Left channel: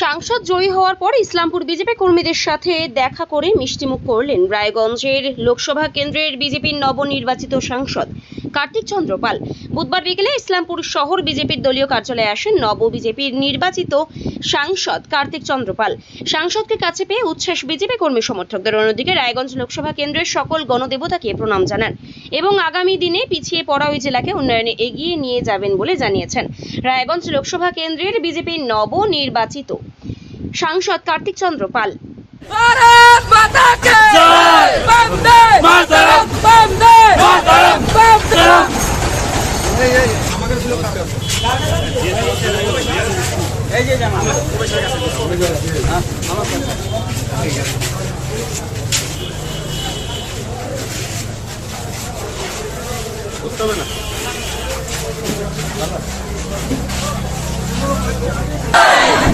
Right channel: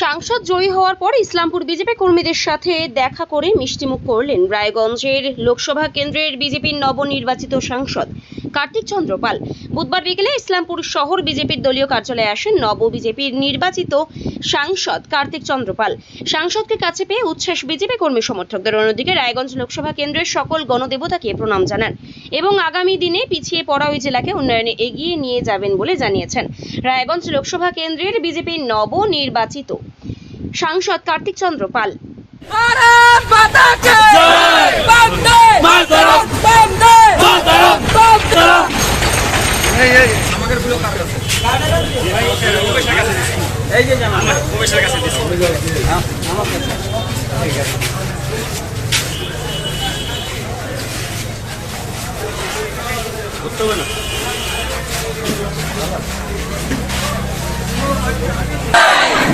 সাংসদ জয়ী হওয়ার পর ইসলামপুর বিজেপি কর্মীদের সাথে দেখা করে মিষ্টিমুখ করলেন রায়গঞ্জের লোকসভা কেন্দ্রের বিজেপির নবনির্বাচিত সাংসদ কার্তিক চন্দ্র পাল। বুধবার বিকেলে ইসলামপুর শহর বিজেপির দলীয় কার্যালয়ে আসেন বিজেপির নির্বাচিত সাংসদ কার্তিক চন্দ্র পাল। সাংসদকে কাছে পেয়ে উচ্ছ্বাস বিজেপি কর্মী সমর্থকদের। অন্যদিকে রায়গঞ্জ লোকসভা কেন্দ্রের সকল গণদেবতাকে প্রণাম জানান এবং আগামী দিনে পিছিয়ে পড়া ওই জেলাকে উন্নয়নে এগিয়ে নিয়ে যাবেন বলে জানিয়েছেন রায়গঞ্জ লোকসভা কেন্দ্রের বিজেপির নবনির্বাচিত সাংসদ কার্তিক চন্দ্র পাল।